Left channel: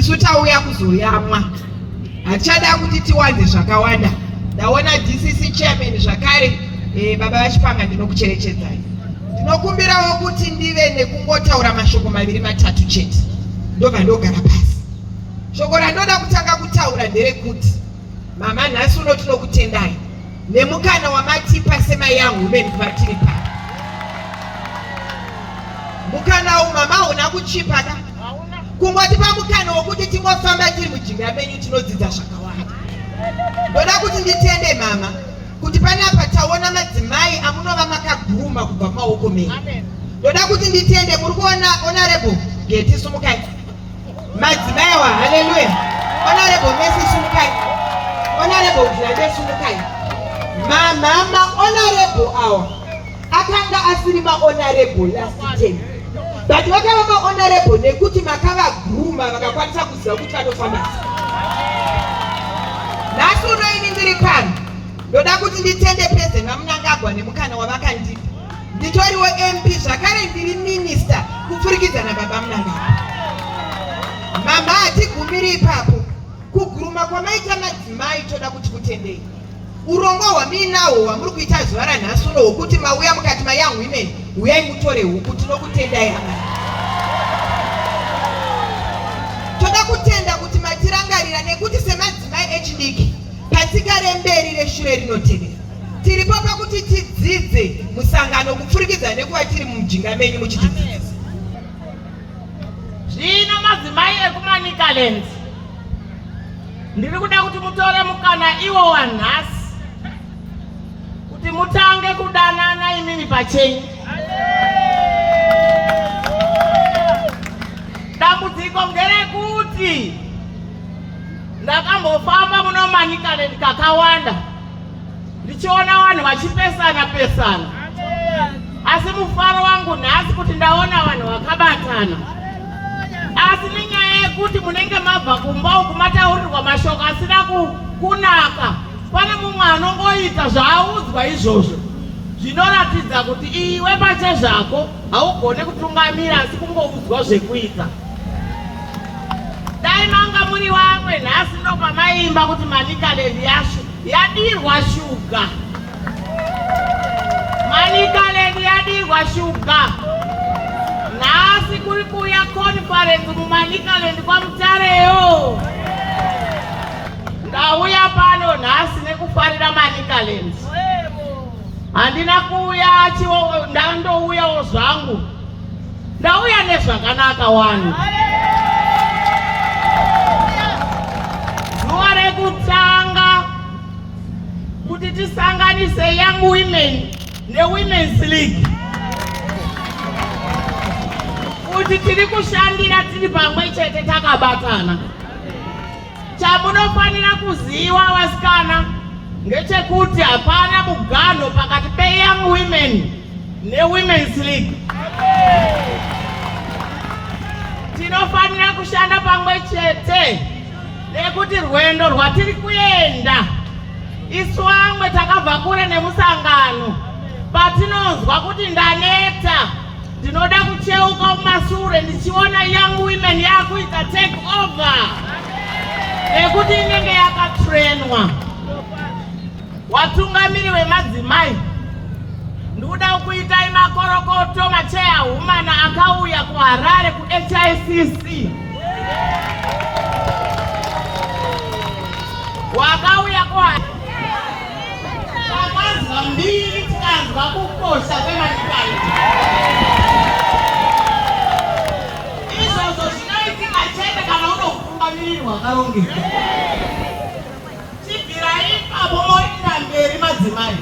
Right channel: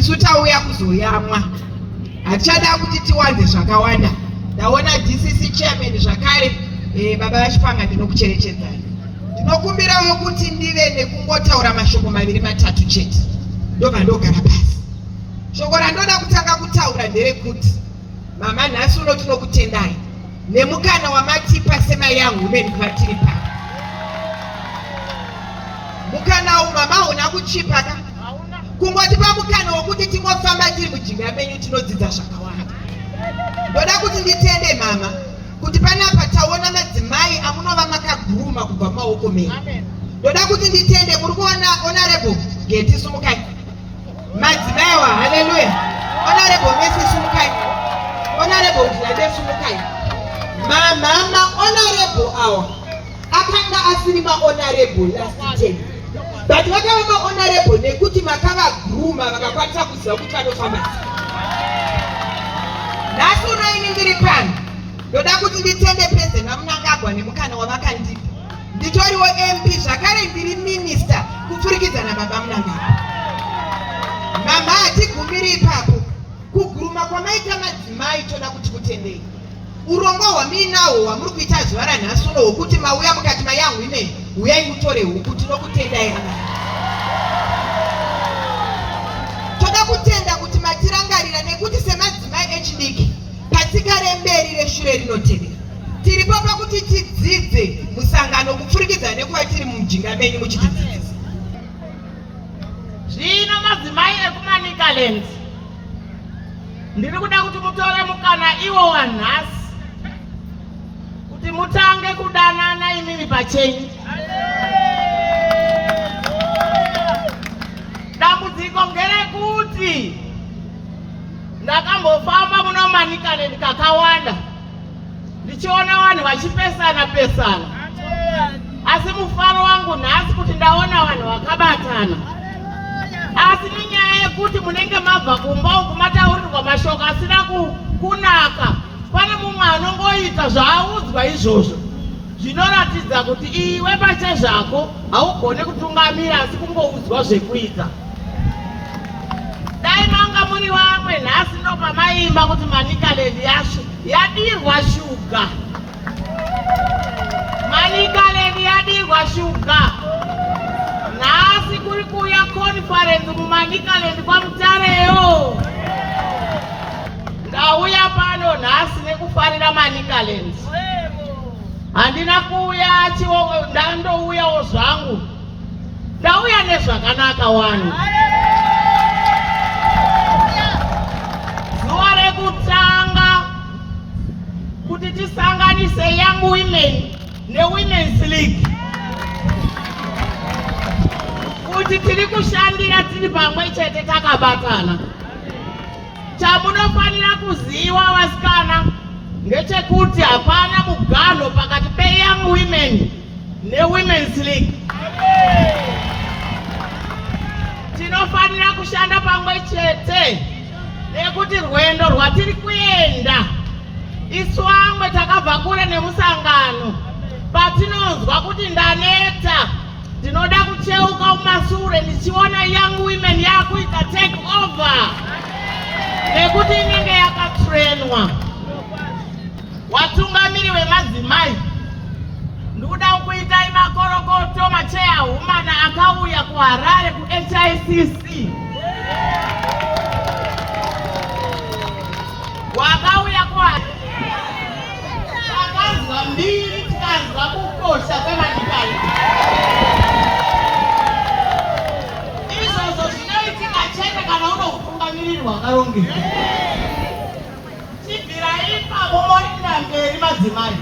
isu tauya kuzoyamwa. Hatichada kuti tiwanze zvakawanda. Ndaona DCC chairman zvakare baba vachipanga ndinokucherechedzai. Ndinokumbirawo kuti ndive nekungotaura mashoko maviri matatu chete. Ndobva ndogara pasi. Shoko randoda kutanga kutaura nderekuti mama nhasi uno tinokutendai nemukana wamatipa seMayoung Women kwatiri pano. Mukana uyu mama hauna kuchipa ka? Kungotipa mukana wokuti tingofamba tiri mujinga menyu tinodzidza zvakawanda. Ndoda kuti nditende mama kuti panapa taona madzimai amunova makaguruma kubva maoko menyu. Ndoda kuti nditende muri kuona honorable Getty Sumukai. Madzimai wa haleluya. Honorable Messi Sumukai. Honorable Dlade Sumukai. Mama honorable awa akanga asiri ma honorable last time. But vakava ma honorable nekuti makava guruma vakakwanisa kuziva kuti vanofamba. Nhasi unoini ndiri pano. Ndoda kuti nditende President Mnangagwa nemukana wavakandipa. Nditoriwo MP zvakare ndiri minister kupfurikidza nababa Mnangagwa. Mama hatigumiri ipapo. Kuguruma kwamaita madzimai toda kuti kutendei. Urongwa hwamuinahwo hwamuri kuita zuva ranhasi uno hwokuti mauya mukati maYoung Women uyai mutore huku tinokutendai. Toda kutenda kuti matirangarira nekuti semadzimai echidiki patsika remberi reshure rinotevera. Tiripo pakuti tidzidze musangano kupfurikidza nekuva tiri mujinga menyu muchitidzidzisa. Zvino madzimai ekuManicaland ndiri kuda kuti mutore mukana iwo wanhasi kuti mutange kudanana imimi pachenyu. Dambudziko ngerekuti ndakambofamba muno Manicaland kakawanda ndichiona vanhu vachipesana pesana, asi mufaro wangu nhasi kuti ndaona vanhu vakabatana. Asi nenyaya yekuti munenge mabva kumba uku mataurirwa mashoko asina kunaka, pane mumwe anongoita zvaaudzwa izvozvo zvinoratidza kuti iwe pache zvako haugone kutungamira asi kungoudzwa zvekuita. Dai manga muri vamwe nhasi ndopamaimba kuti Manicaland yadirwa shuga. Manicaland yadirwa shuga. Nhasi kuri kuya conference muManicaland kwaMutareyo. Ndauya pano nhasi nekufarira Manicaland. Handina kuuya ndandouyawo zvangu. Ndauya nezvakanaka wanu. Zuva rekutanga kuti tisanganise Young Women neWomen's League. Kuti tiri kushandira tiri pamwe chete takabatana. Chamunofanira kuziva vasikana ngechekuti hapana mugano pakati peYoung Women neWomen's League. Tinofanira kushanda pamwe chete nekuti rwendo rwatiri kuenda isu vamwe takabva kure nemusangano. Patinonzwa kuti ndaneta ndinoda kucheuka mumashure ndichiona Young Women yakuita take over nekuti inenge yakatrainwa. Watungamiri wemadzimai ndoda kuitai makorokoto machairwoman akauya kuHarare kuHICC. Wakauya kuHarare takazwa mbiri tikazwa kukosha kweManicaland. Izvozvo zvinoitika chete kana unotungamiriri hwakarongeka. Chibvirai ipapo morinda mberi madzimai.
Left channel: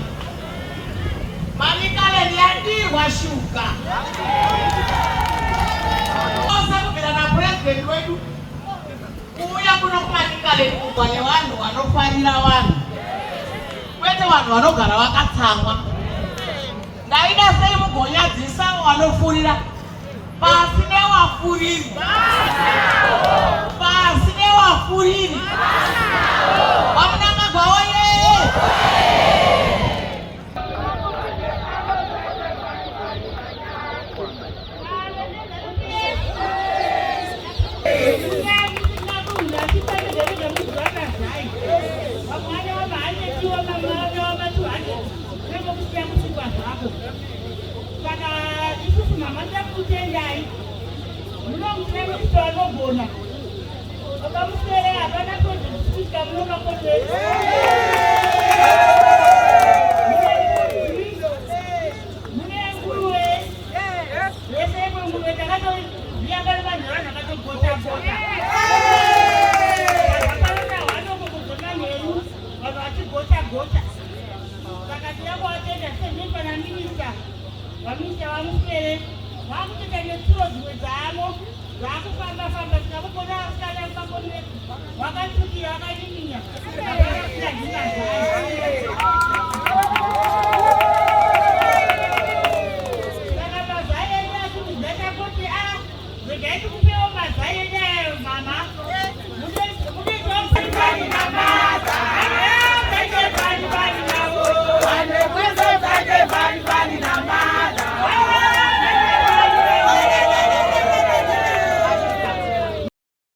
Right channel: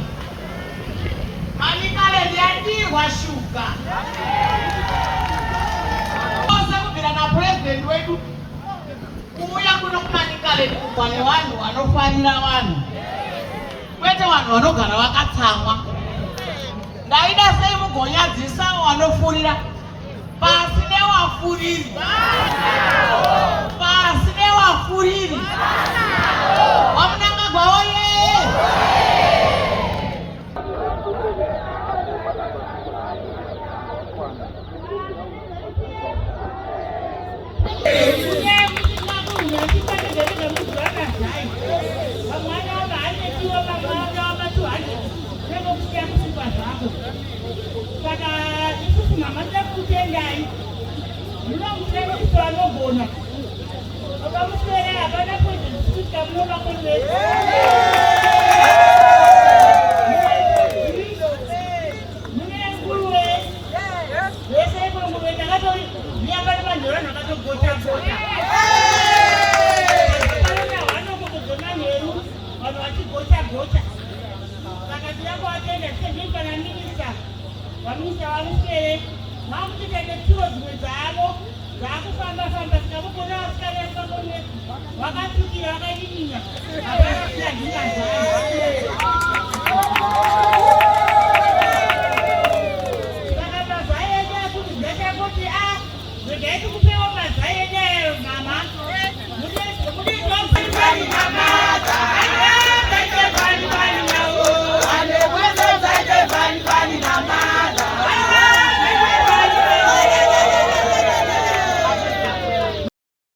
Manicaland yadirwa shuga. Osa kubvira naPresident wedu kuuya kuno kuManicaland kubva nevanhu vanofarira vanhu, kwete vanhu vanogara vakatsangwa. Ndaida sei mugonyadzisa vanofurira pasi nevafuriri. Pasi nevafuriri. Vamunangagwa oye! vanogona vakamuswera havana kuita munomakonei mune nguruve yese nguruve takatori viya vari manhorano akatogota-gota vakalona hwanokukudzona nheru vanhu vachigota-gota vakati vakuvatenda sezvipana minista vaminista vamuswere vakutoita neturo dzimwe dzavo vakufamba-famba sikavukona vasikari vasakonesi vakatukira vakanyinyinya vakarasira dzinga dzavo